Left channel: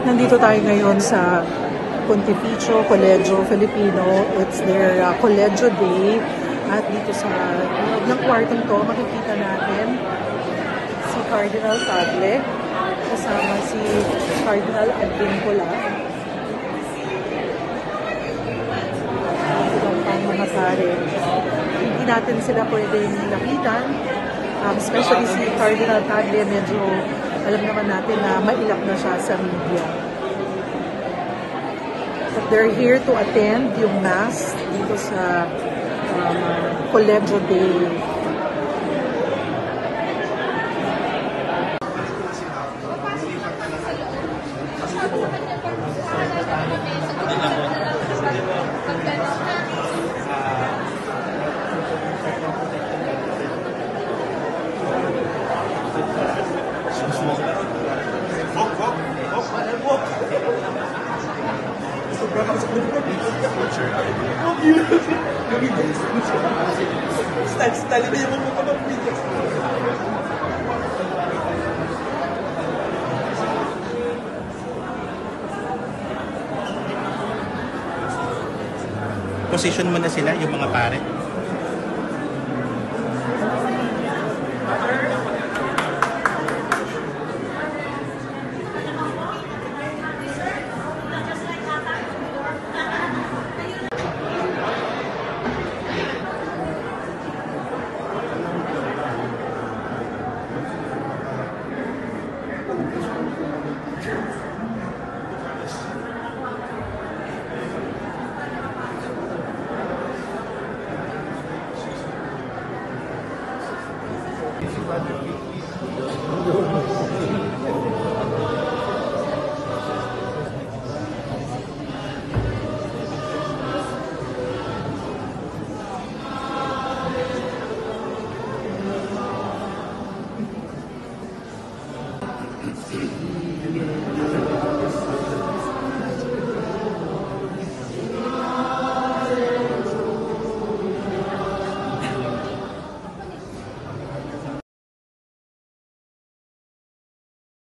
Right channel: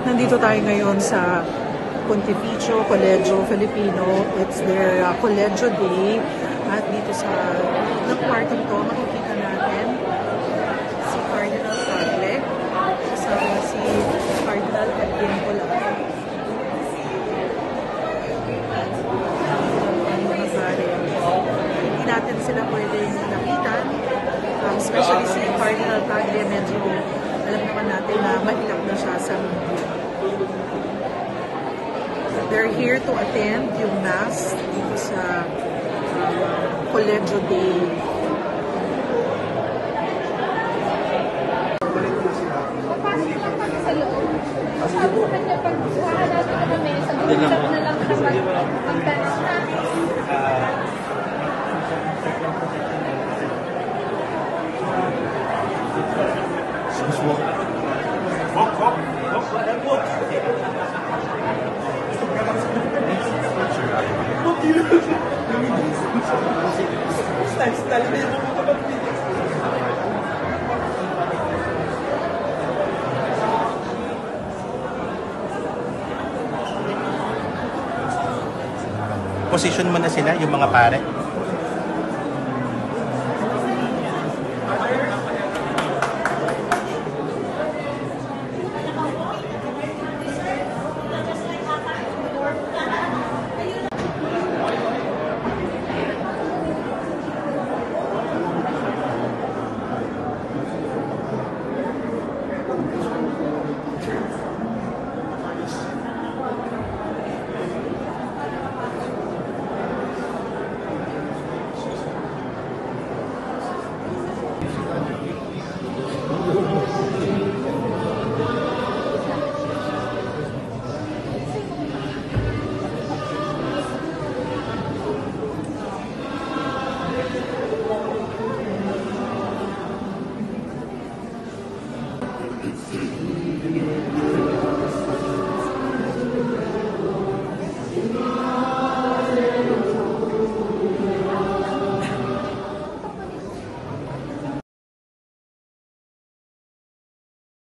Nandito tayo ngayon sa Pontificio Colegio Filipino. It's their Colegio Day. At dito sa loob ng kwartong to, makikita natin si Cardinal Tagle kasama si Cardinal Advincula. Ang pang mga pare. Hindi natin sila pwedeng lapitan. Especially si Cardinal Tagle, medyo alam naman natin na mailap na siya sa media. But they're here to attend yung Mass dito sa Colegio Day. Position mo na sila, yung mga pare.